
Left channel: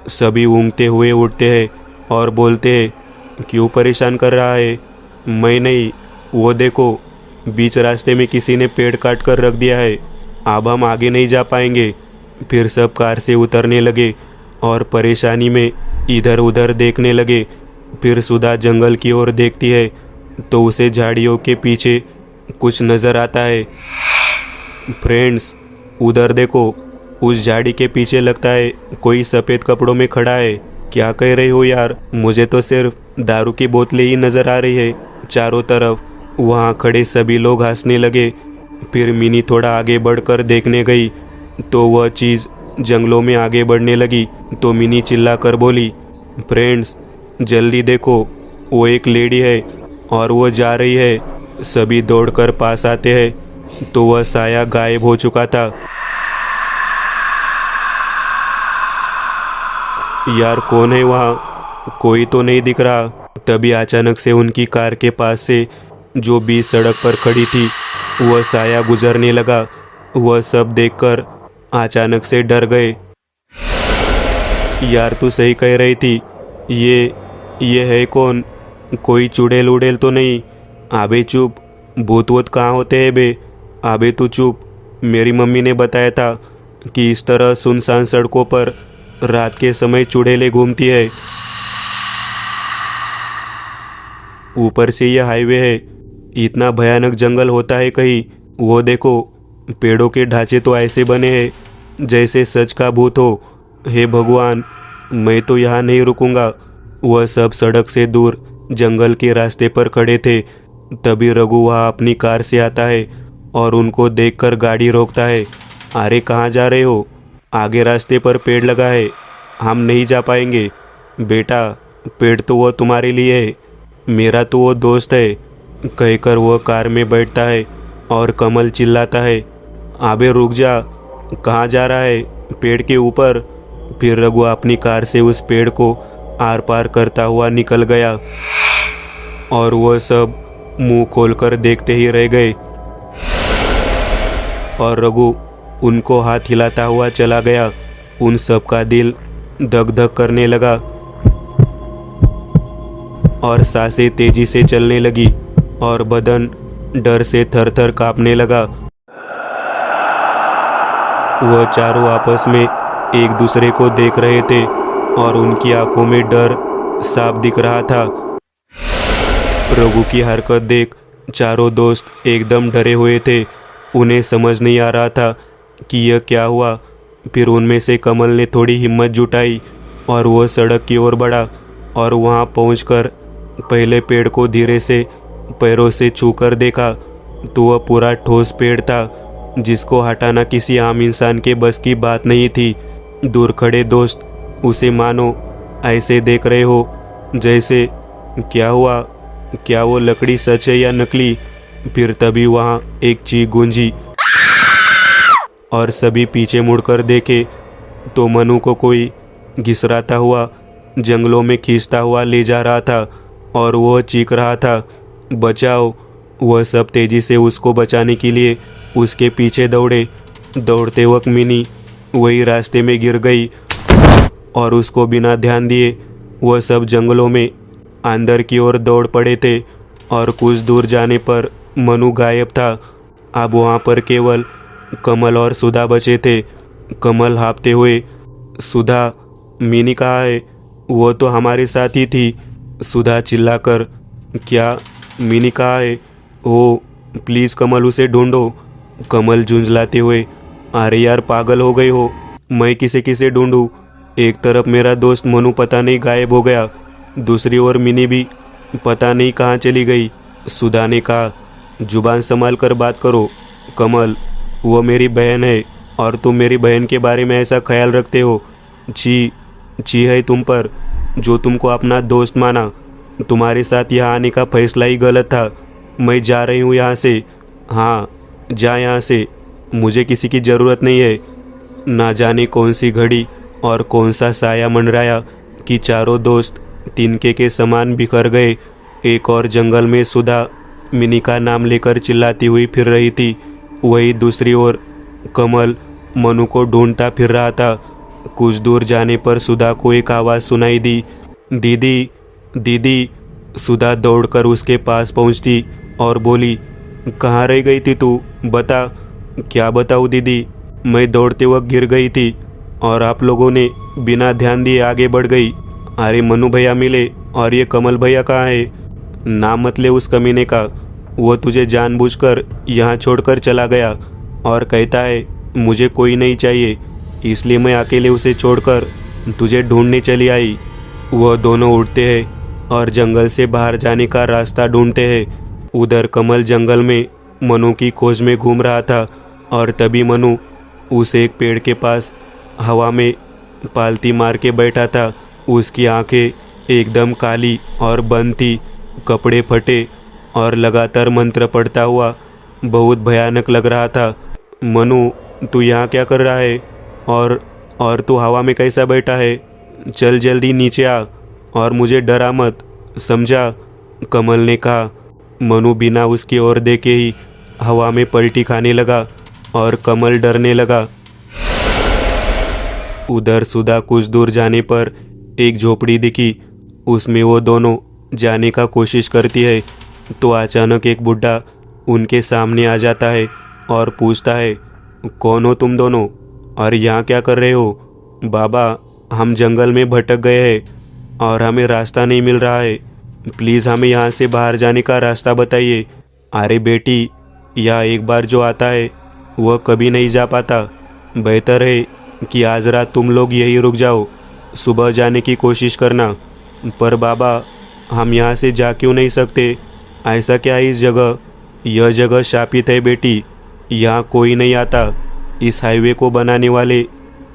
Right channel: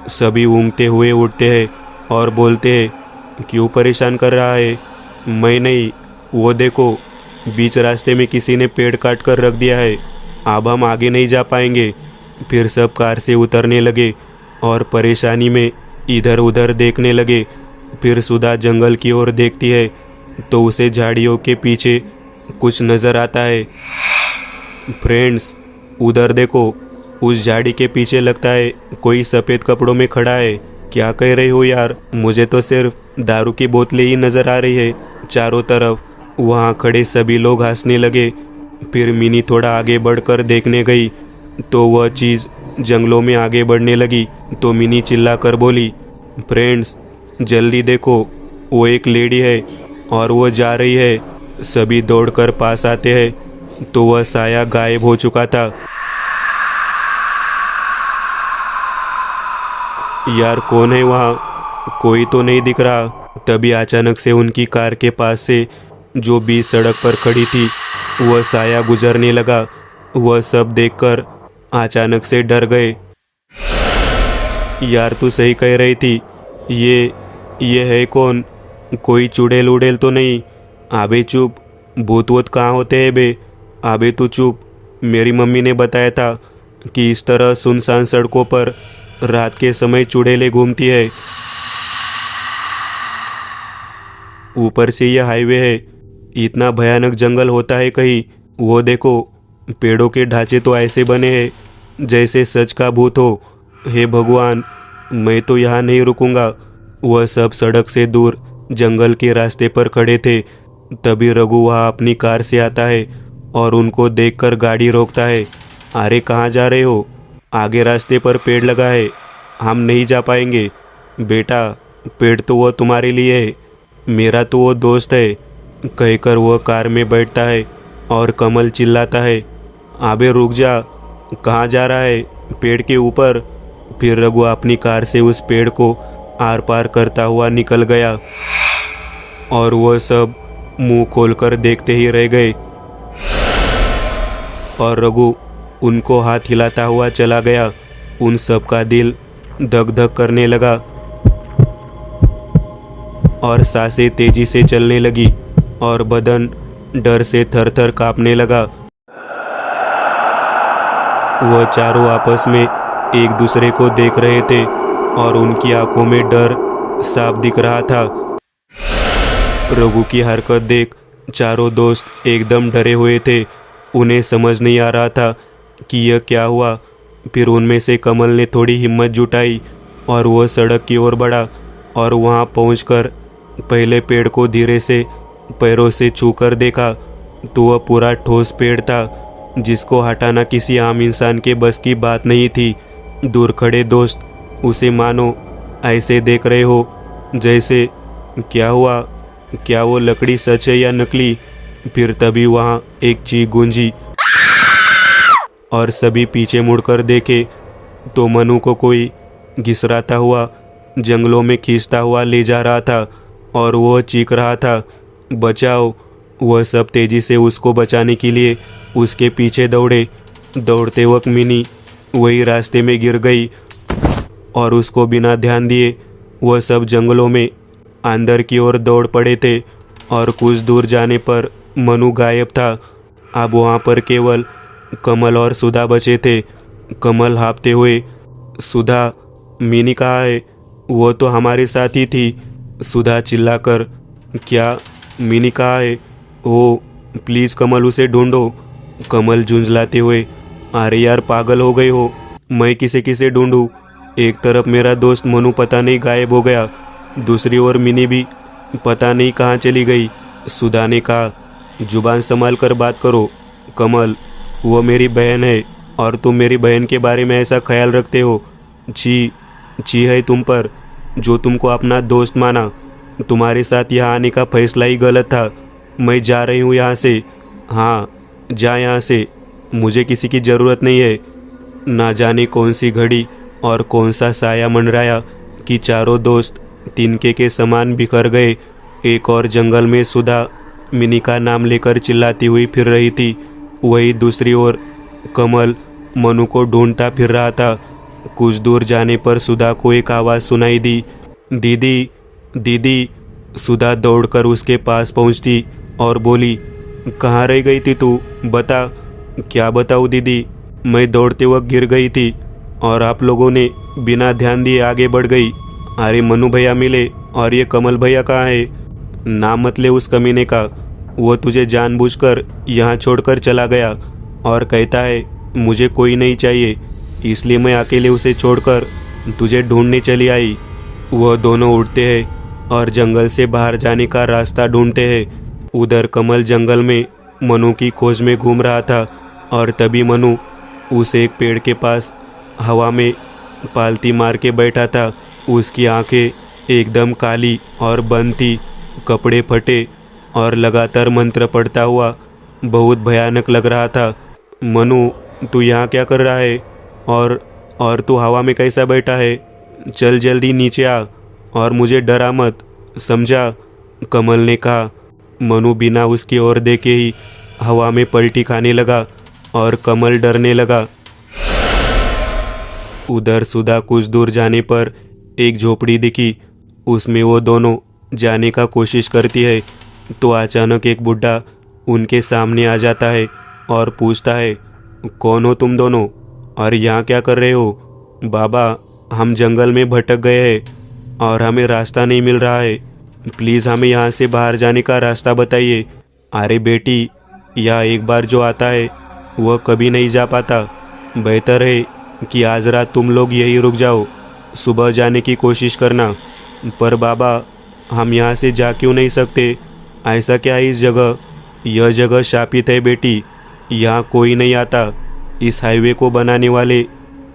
सभी ऊँघते हुए उठते हैं और बोलते हैं, क्यों परेशान कर रहा है? मैं नहीं, वो देखो, बीच रास्ते में किसी ने पेड़ काट कर रख दिया है। अब हम आगे नहीं जा पाएंगे। फिर सब कार से उतरने लगे और परेशानी में इधर उधर देखने लगे। फिर सुधा जंगल की ओर देखती है तो उसे झाड़ियों के पीछे कुछ नज़र आता है। फ्रेंड्स, उधर देखो, उस झाड़ी के पीछे लगता है कोई सफ़ेद कपड़ों में खड़ा है। क्या कह रहे हो यार? मुझे तो सिर्फ दारू की बोतलें ही नज़र आ रही है चारों तरफ। वहाँ खड़े सभी लोग हंसने लगे। फिर मिनी थोड़ा आगे बढ़कर देखने गई तो वह चीज़ जंगलों में आगे बढ़ने लगी। तो मिनी चिल्लाकर बोली, फ्रेंड्स, जल्दी देखो, वो एक लेडी है और वो जा रही है। सभी दौड़कर पास आते हैं तो वह साया गायब हो चुका था। यार, कौन है वहाँ? कोई तो नहीं दिख रहा। तभी अचानक से उनकी कार के पास से जो बीच सड़क पर खड़ी थी वह साया गुजरने लगा। वह सब देखकर अचानक से डर गए। यार, तू सही कह रही थी। ये है कौन? कोई चुड़ैल उड़ेल तो नहीं? आबे चुप, भूत वूत कहाँ होते हैं बे? आबे तू चुप। मेरी मम्मी ने बताया था कि इस तरह सुनसान सड़कों पर रात के समय चुड़ैलें घूमती है। ऊपर से यह हाईवे है, इतना भयानक जंगल होता है कहीं? वो देखो, पेड़ों के ढांचे तो ऐसे बने हैं जैसे सच का भूत हो। हे भगवान, मैं तो यहाँ नहीं रुकूंगा। वह सब सड़क से दूर जंगल के रास्ते पर खड़े थे। तभी रघु वहाँ अपनी कार से आता है और उनको देखकर गाड़ी रोकता है। अरे कहाँ जा रहे हो? आगे रास्ते पर पेड़ लगा है, हम नहीं जा पाएंगे। बेटा, पेड़ तो वो तुम्हारे लिए है, मेरा तो वो दोस्त है। कहकर वह कार में बैठता है और कमल चिल्लाता है, आबे रुक जा, कहाँ जा रहा है? पेड़ के ऊपर। फिर रघु अपनी कार से उस पेड़ को आर पार करता हुआ निकल गया और वह सब मुंह खोलकर देखते ही रह गए। और रघु उनको हाथ हिलाता हुआ चला गया। उन सब का दिल धक धक करने लगा और सांसें तेजी से चलने लगी और बदन डर से थर थर कांपने लगा। वह चारों आपस में एक दूसरे को देख रहे थे और उनकी आंखों में डर साफ दिख रहा था। रघु की हरकत देख चारों दोस्त एकदम डरे हुए थे। उन्हें समझ नहीं आ रहा था कि यह क्या हुआ। फिर उनमें से कमल ने थोड़ी हिम्मत जुटाई और वह सड़क की ओर बढ़ा और वहां पहुंचकर पहले पेड़ को धीरे से पैरों से छूकर देखा तो वह पूरा ठोस पेड़ था जिसको हटाना किसी आम इंसान के बस की बात नहीं थी। दूर खड़े दोस्त उसे मानो ऐसे देख रहे हो जैसे, क्या हुआ? क्या वो लकड़ी सच है या नकली। फिर तभी वहाँ एक चीख गूंजी और सभी पीछे मुड़कर देखे तो मनु को कोई घिसराता हुआ जंगलों में खींचता हुआ ले जा रहा था और वह चीख रहा था, बचाओ। वह सब तेजी से उसको बचाने के लिए उसके पीछे दौड़े। दौड़ते वक्त मिनी वही रास्ते में गिर गई और उसको बिना ध्यान दिए वह सब जंगलों में अंदर की ओर दौड़ पड़े थे और कुछ दूर जाने पर मनु गायब था। अब वहाँ पर केवल कमल और सुधा बचे थे। कमल हाँफते हुए, सुधा, मिनी कहाँ है? वो तो हमारे साथ ही थी। सुधा चिल्लाकर, क्या? मिनी कहाँ है? ओ प्लीज़ कमल, उसे ढूंढो। कमल झुंझलाते हुए, अरे यार पागल हो गए हो, मैं किसे किसे ढूंढूं? एक तरफ मेरा दोस्त मनु पता नहीं गायब हो गया, दूसरी ओर मिनी भी पता नहीं कहाँ चली गई। सुधा ने कहा, जुबान संभाल कर बात करो कमल, वो मेरी बहन है और तुम मेरी बहन के बारे में ऐसा ख्याल रखते हो। छी है तुम पर, जो तुमको अपना दोस्त माना। तुम्हारे साथ यहाँ आने का फैसला ही गलत था। मैं जा रही हूँ यहाँ से। हाँ जा यहाँ से, मुझे किसी की ज़रूरत नहीं है। ना जाने कौन सी घड़ी और कौन सा साया मंडराया कि चारों दोस्त तिनके के समान बिखर गए। एक और जंगल में सुधा मिनी का नाम लेकर चिल्लाती हुई फिर रही थी। वही दूसरी ओर कमल मनु को ढूंढता फिर रहा था। कुछ दूर जाने पर सुधा को एक आवाज़ सुनाई दी, दीदी दीदी। सुधा दौड़कर उसके पास पहुंचती और बोली, कहाँ रह गई थी तू? बता। क्या बताऊँ दीदी, मैं दौड़ते वक्त गिर गई थी और आप लोगों ने बिना ध्यान दिए आगे बढ़ गई। अरे मनु भैया मिले और ये कमल भैया कहाँ है? नाम मत ले उस कमीने का, वो तुझे जानबूझकर यहाँ छोड़कर चला गया और कहता है मुझे कोई नहीं चाहिए, इसलिए मैं अकेले उसे छोड़कर तुझे ढूंढने चली आई। वह दोनों उठते हैं और जंगल से बाहर जाने का रास्ता ढूंढते हैं। उधर कमल जंगल में मनु की खोज में घूम रहा था और तभी मनु उस एक पेड़ के पास हवा में पालती मार के बैठा था। उसकी आंखें एकदम काली और बंद थी, कपड़े फटे और लगातार मंत्र पढ़ता हुआ बहुत भयानक लग रहा था। मनु, तू यहाँ क्या कर रहा है? और तू हवा में कैसा बैठा है? चल जल्दी नीचे आ और मुझे डरा मत, समझा? कमल ने कहा। मनु बिना उसकी ओर देखे ही हवा में पलटी खाने लगा और कमल डरने लगा। उधर सुधा कुछ दूर जाने पर एक झोपड़ी दिखी। उसमें वो दोनों जाने का कोशिश करती है तो अचानक एक बुढ़ा उनके सामने आ जाता है और पूछता है, कौन हो तुम दोनों और यहाँ क्या कर रहे हो? बाबा, हम जंगल में भटक गए हैं और हमें रास्ता नहीं मिल रहा है, प्लीज़ हमें यहाँ से बाहर जाने का रास्ता बताइए। अरे बेटी, यहाँ एक बार जो आता है वह कभी नहीं जा पाता। बेहतर है कि आज रात तुम लोग यहीं रुक जाओ, सुबह जाने की कोशिश करना। पर बाबा, हम यहाँ से जा क्यों नहीं सकते? ऐसा क्या है इस जगह? यह जगह शापित है बेटी, यहाँ कोई नहीं आता। इस हाईवे को बनाने वाले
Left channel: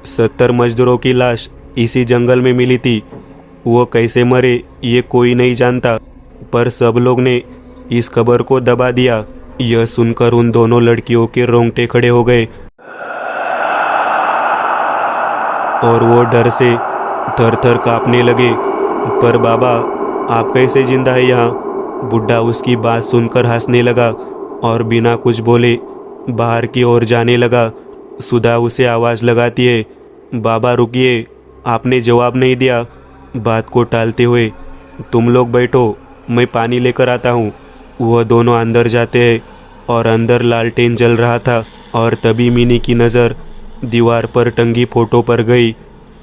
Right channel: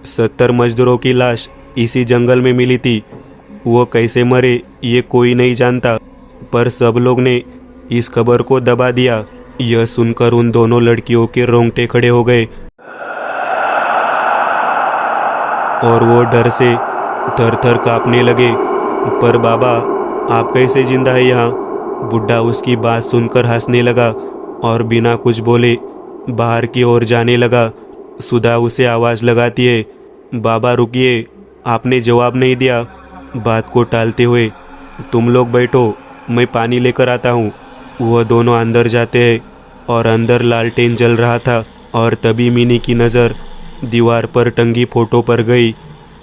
70 मजदूरों की लाश इसी जंगल में मिली थी। वो कैसे मरे ये कोई नहीं जानता, पर सब लोग ने इस खबर को दबा दिया। यह सुनकर उन दोनों लड़कियों के रोंगटे खड़े हो गए और वो डर से थर थर कांपने लगे। पर बाबा, आप कैसे जिंदा है यहाँ? बुढ़ा उसकी बात सुनकर हंसने लगा और बिना कुछ बोले बाहर की ओर जाने लगा। सुधा उसे आवाज़ लगाती है, बाबा रुकिए, आपने जवाब नहीं दिया। बात को टालते हुए, तुम लोग बैठो, मैं पानी लेकर आता हूँ। वह दोनों अंदर जाते हैं और अंदर लालटेन जल रहा था और तभी मिनी की नज़र दीवार पर टंगी फोटो पर गई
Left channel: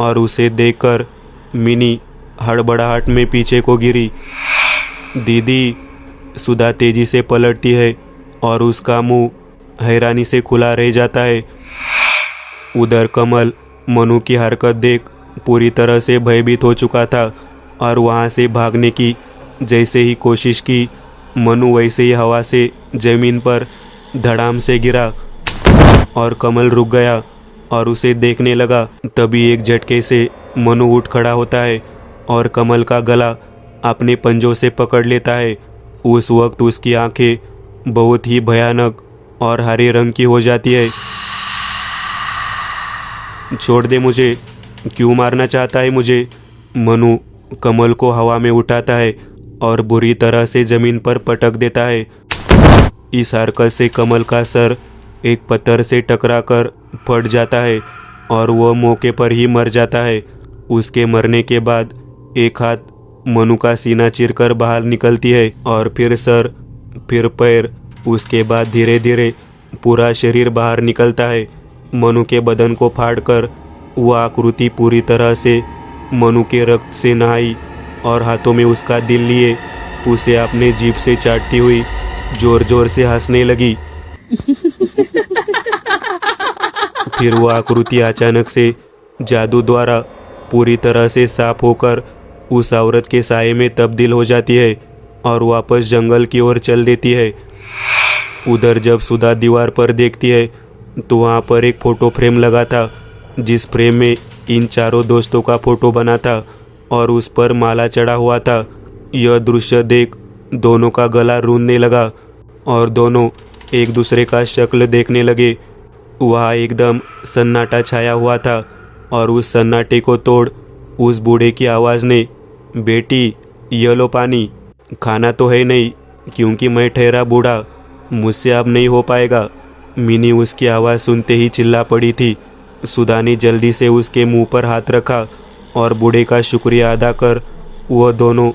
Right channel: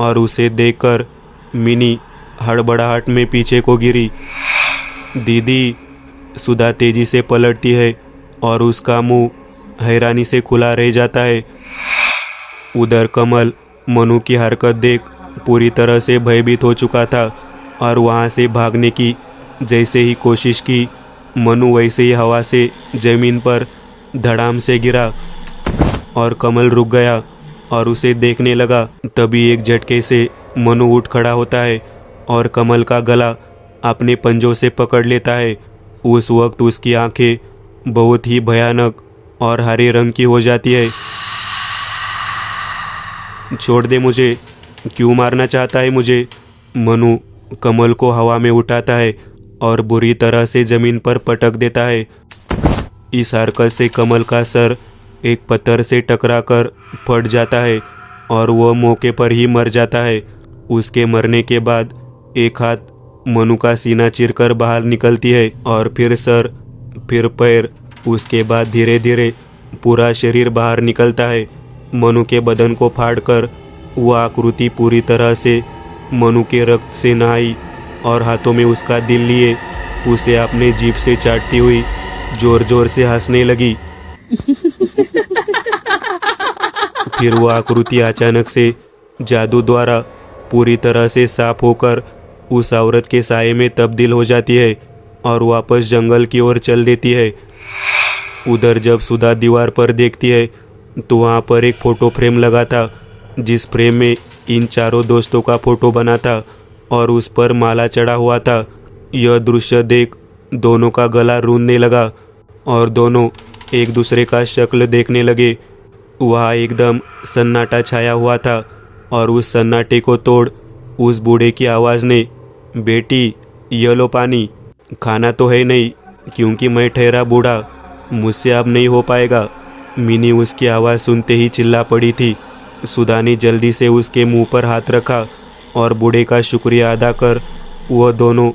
और उसे देखकर मिनी हड़बड़ाहट में पीछे को गिरी। दीदी। सुधा तेजी से पलटती है और उसका मुंह हैरानी से खुला रह जाता है। उधर कमल मनु की हरकत देख पूरी तरह से भयभीत हो चुका था और वहाँ से भागने की जैसे ही कोशिश की, मनु वैसे ही हवा से जमीन पर धड़ाम से गिरा और कमल रुक गया और उसे देखने लगा। तभी एक झटके से मनु उठ खड़ा होता है और कमल का गला अपने पंजों से पकड़ लेता है उस वक्त उसकी आंखें बहुत ही भयानक और हरे रंग की हो जाती है। छोड़ दे मुझे, क्यों मारना चाहता है मुझे? मनु कमल को हवा में उठाता है और बुरी तरह से जमीन पर पटक देता है। इस हरकत से कमल का सर एक पत्थर से टकराकर फट जाता है और वह मौके पर ही मर जाता है। उसके मरने के बाद एक हाथ मनु का सीना चीरकर बाहर निकलती है और फिर सर, फिर पैर, उसके बाद धीरे धीरे पूरा शरीर बाहर निकलता है। मनु के बदन को फाड़कर वह आकृति पूरी तरह से मनु के रक्त से नहाई और हाथों में उसका दिल लिए उसे अपने जीभ से चाटती हुई जोर जोर से हंसने लगी। फिर वह आकृति अचानक से जादू द्वारा पूरी तरह से साफ होकर उस औरत के साये में तब्दील हो जाती है और वापस जंगल की ओर चल देती है। उधर जब सुधा दीवार पर देखती है तो वहाँ पर एक फोटो फ्रेम लगा था, जिस फ्रेम में इन चारों दोस्तों का फोटो बना था और उस पर माला चढ़ा हुआ था। यह दृश्य देख दोनों का गला रूंधने लगा और दोनों एक दूसरे का शक्ल देखने लगे। वहाँ एकदम सन्नाटा छाया हुआ था और उस सन्नाटे को तोड़ उस बूढ़े की आवाज़ ने, बेटी ये लो पानी। खाना तो है नहीं क्योंकि मैं ठहरा बूढ़ा, मुझसे अब नहीं हो पाएगा। मिनी उसकी आवाज़ सुनते ही चिल्ला पड़ी थी। सुधा ने जल्दी से उसके मुंह पर हाथ रखा और बूढ़े का शुक्रिया अदा कर वह दोनों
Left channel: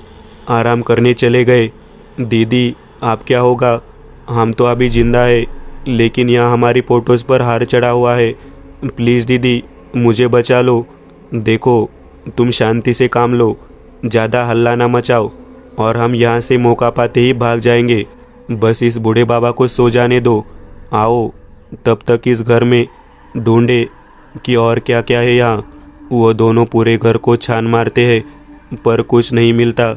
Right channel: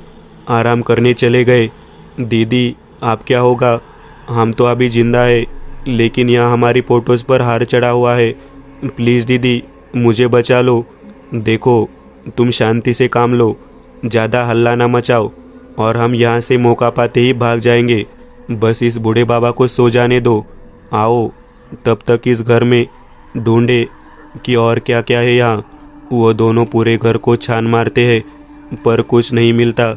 आराम करने चले गए। दीदी आप क्या होगा? हम तो अभी जिंदा है, लेकिन यहाँ हमारी फोटोज़ पर हार चढ़ा हुआ है। प्लीज़ दीदी मुझे बचा लो। देखो तुम शांति से काम लो, ज़्यादा हल्ला ना मचाओ और हम यहाँ से मौका पाते ही भाग जाएंगे। बस इस बूढ़े बाबा को सो जाने दो। आओ तब तक इस घर में ढूंढे कि और क्या क्या है यहाँ। वो दोनों पूरे घर को छान मारते हैं पर कुछ नहीं मिलता।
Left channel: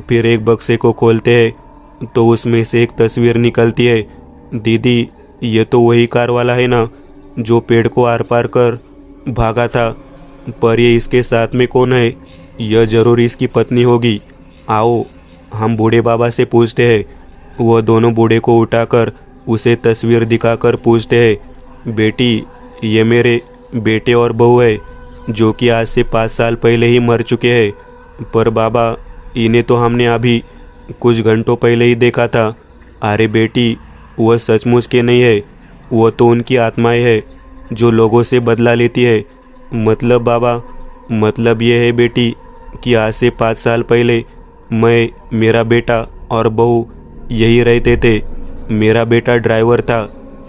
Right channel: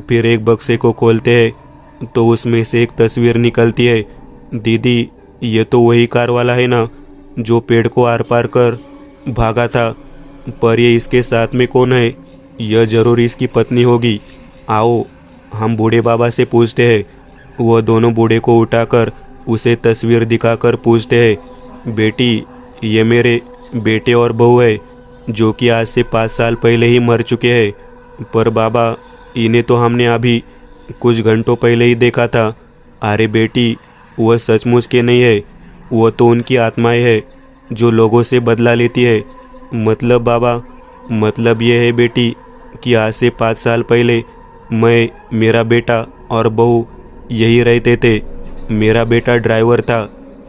फिर एक बक्से को खोलते हैं तो उसमें से एक तस्वीर निकलती है। दीदी ये तो वही कार वाला है ना जो पेड़ को आर पार कर भागा था, पर ये इसके साथ में कौन है? यह जरूर इसकी पत्नी होगी। आओ हम बूढ़े बाबा से पूछते हैं। वह दोनों बूढ़े को उठाकर उसे तस्वीर दिखाकर पूछते हैं, बेटी ये मेरे बेटे और बहू है जो कि आज से 5 साल पहले ही मर चुके हैं, पर बाबा इन्हें तो हमने अभी कुछ घंटों पहले ही देखा था। अरे बेटी वह सचमुच के नहीं है, वह तो उनकी आत्माएं है जो लोगों से बदला लेती है। मतलब बाबा, मतलब ये है बेटी कि आज से 5 साल पहले मैं, मेरा बेटा और बहू यही रहते थे। मेरा बेटा ड्राइवर था।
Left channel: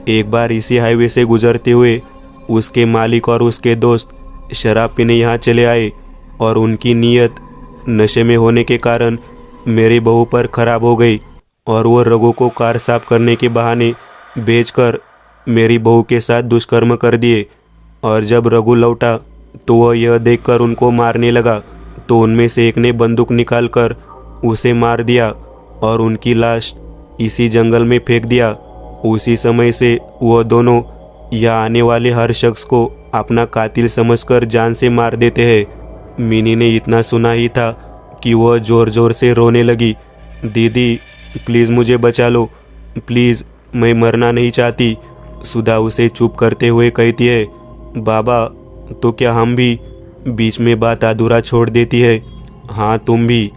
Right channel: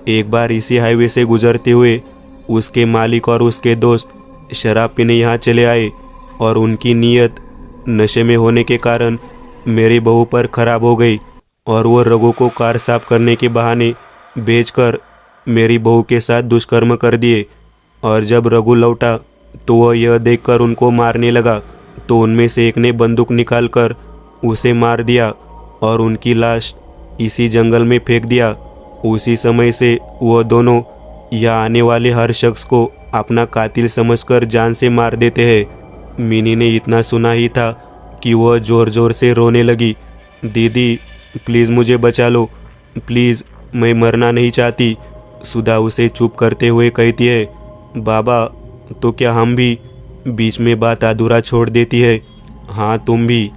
एक बार इसी हाईवे से गुजरते हुए उसके मालिक और उसके दोस्त शराब पीने यहाँ चले आए और उनकी नीयत नशे में होने के कारण मेरी बहू पर खराब हो गई और वो रघु को कार साफ करने के बहाने बेचकर मेरी बहू के साथ दुष्कर्म कर दिए। और जब रघु लौटा तो वह यह देखकर उनको मारने लगा तो उनमें से एक ने बंदूक निकालकर उसे मार दिया और उनकी लाश इसी जंगल में फेंक दिया। उसी समय से वह दोनों यहाँ आने वाले हर शख्स को अपना कातिल समझकर जान से मार देते हैं। मिनी ने इतना सुना ही था कि वह जोर जोर से रोने लगी। दीदी प्लीज़ मुझे बचा लो, प्लीज़ मैं मरना नहीं चाहती। सुधा उसे चुप करते हुए कहती है, बाबा तो क्या हम भी? बीच में बात अधूरा छोड़ देती है। हाँ तुम भी,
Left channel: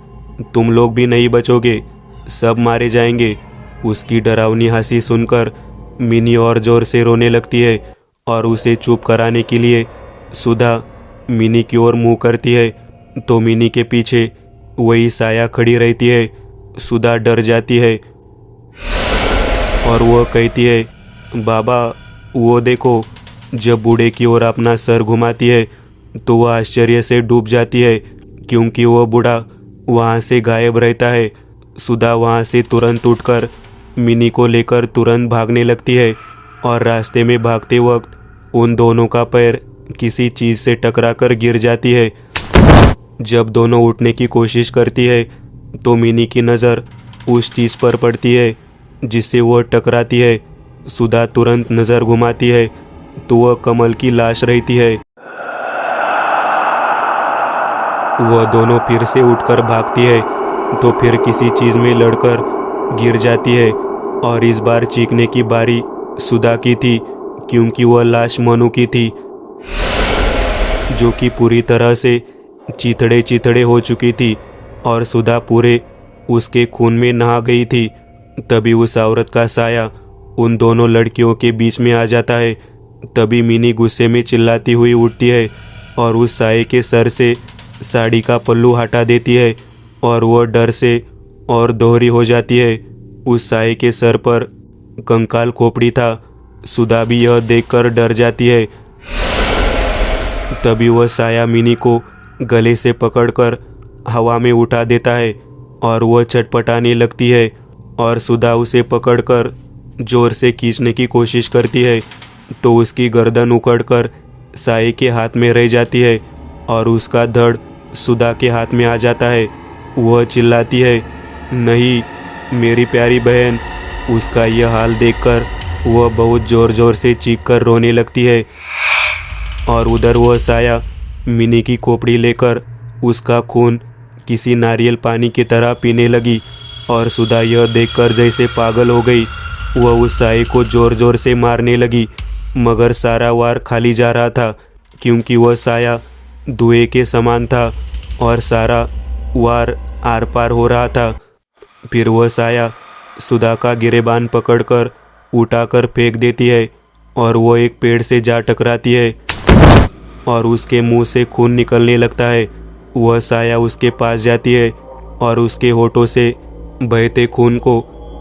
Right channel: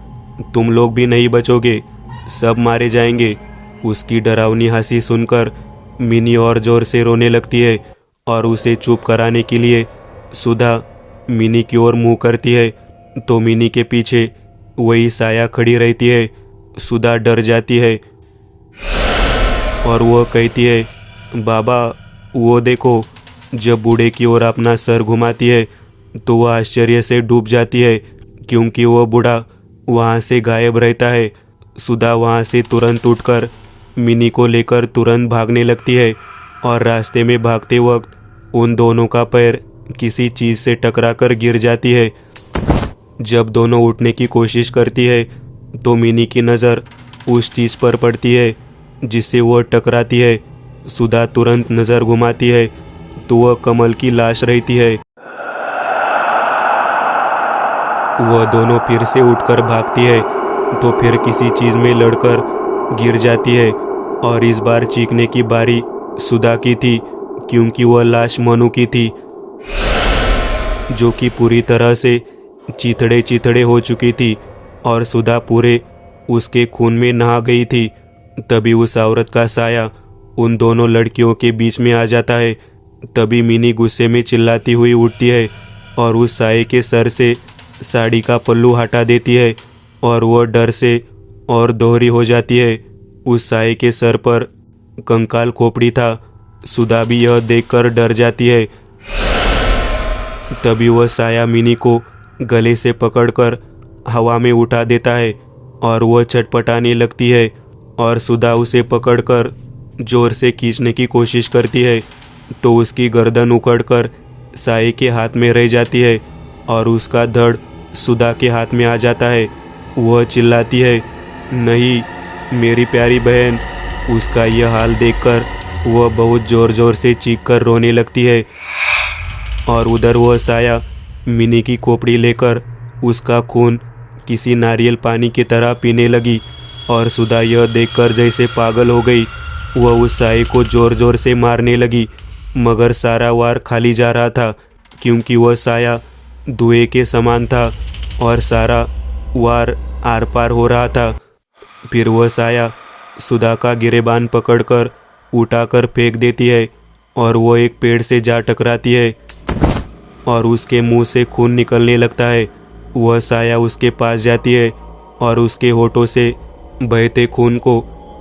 तुम लोग भी नहीं बचोगे, सब मारे जाएंगे। उसकी डरावनी हंसी सुनकर मिनी और जोर से रोने लगती है और उसे चुप कराने के लिए सुधा मिनी की ओर मुंह करती है तो मिनी के पीछे वही साया खड़ी रहती है। सुधा डर जाती है और वह कहती है, बाबा वो देखो। जब बूढ़े की ओर अपना सर घुमाती है तो वह आश्चर्य से डूब जाती है क्योंकि वह बूढ़ा वहाँ से गायब रहता है। सुधा वहाँ से तुरंत उठकर मिनी को लेकर तुरंत भागने लगती है और रास्ते में भागते वक्त उन दोनों का पैर किसी चीज़ से टकराकर गिर जाती है। जब दोनों उठने की कोशिश करती है तो मिनी की नज़र उस चीज़ पर पड़ती है जिससे वह टकराती है। सुधा तुरंत नज़र घुमाती है तो वह कमल की लाश रहती है। वह दोनों फिर से उठकर भागती है तो फिर किसी चीज़ में लड़कर गिर जाती है और इस बार चीखने की बारी सुधा की थी, क्योंकि वह लाश मनु की थी, जो कि पूरी तरह से चिथड़े चिथड़े हो चुकी थी और सुधा पूरे उसके खून में नहा गई थी। तभी उस औरत का साया उन दोनों लड़कियों के बीच में आ जाता है। तभी मिनी गुस्से में चिल्लाती हुई उठती है और उस साये के सर से साड़ी का पल्लू हटा देती है और वह डर से और दोहरी हो जाती है। उस साये के सर पर कंकाल खोपड़ी था। सुधा भी यह देखकर डर जाती है। तभी वह साया मिनी को गले से पकड़कर हवा में उठा देता है और वह छटपटाने लगती है और सुधा उसे पकड़कर जोर से खींचने की कोशिश करती है, तो उसकी गर्दन उखड़कर साये के हाथ में रह जाती है और उसका धड़ सुधा के हाथ में आ जाता है। वह चिल्लाती है, नहीं मेरी प्यारी बहन। उसका यह हाल देखकर वह बहुत जोर जोर से चीखकर रोने लगती है और उधर वह साया मिनी की खोपड़ी लेकर उसका खून किसी नारियल पानी की तरह पीने लगी और सुधा यह देखकर जैसे पागल हो गई। वह उस साये को जोर जोर से मारने लगी, मगर सारा वार खाली जा रहा था, क्योंकि वह साया धुएं के समान था और सारा वार आर पार हो रहा था। फिर वह साया सुधा का गिरेबान पकड़कर उठाकर फेंक देती है और वह एक पेड़ से जा टकराती है और उसके मुंह से खून निकलने लगता है। वह साया उसके पास जाती है और उसके होठों से बहते खून को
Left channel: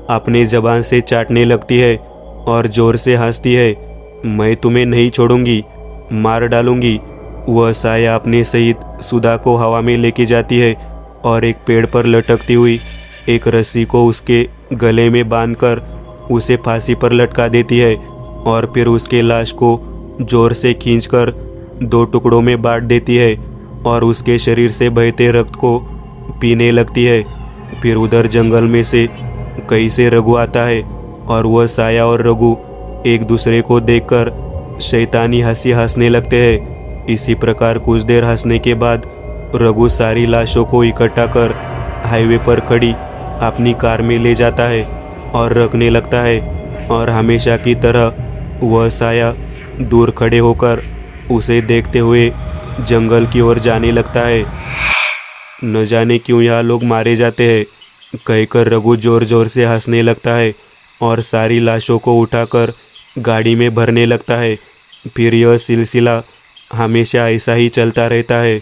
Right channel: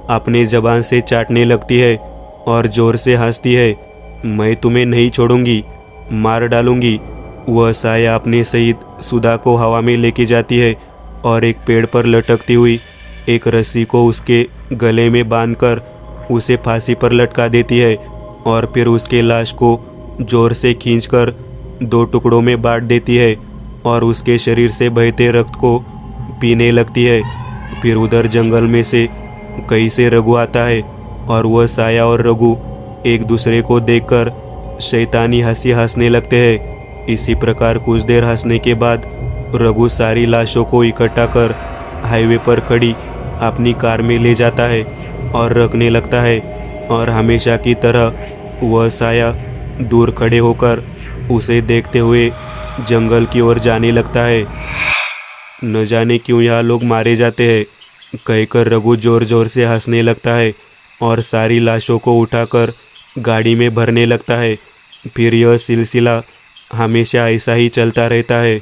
अपने जबान से चाटने लगती है और जोर से हंसती है, मैं तुम्हें नहीं छोड़ूंगी, मार डालूंगी। वह साया अपने सहित सुधा को हवा में लेके जाती है और एक पेड़ पर लटकती हुई एक रस्सी को उसके गले में बांधकर उसे फांसी पर लटका देती है और फिर उसके लाश को जोर से खींचकर 2 टुकड़ों में बांट देती है और उसके शरीर से बहते रक्त को पीने लगती है। फिर उधर जंगल में से कहीं से रघु आता है और वह साया और रघु एक दूसरे को देखकर शैतानी हंसी हंसने लगते हैं। इसी प्रकार कुछ देर हंसने के बाद रघु सारी लाशों को इकट्ठा कर हाईवे पर खड़ी अपनी कार में ले जाता है और रखने लगता है और हमेशा की तरह वह साया दूर खड़े होकर उसे देखते हुए जंगल की ओर जाने लगता है। न जाने क्यों यहाँ लोग मारे जाते हैं, कहकर रघु जोर जोर से हंसने लगता है और सारी लाशों को उठाकर गाड़ी में भरने लगता है। फिर यह सिलसिला हमेशा ऐसा ही चलता रहता है।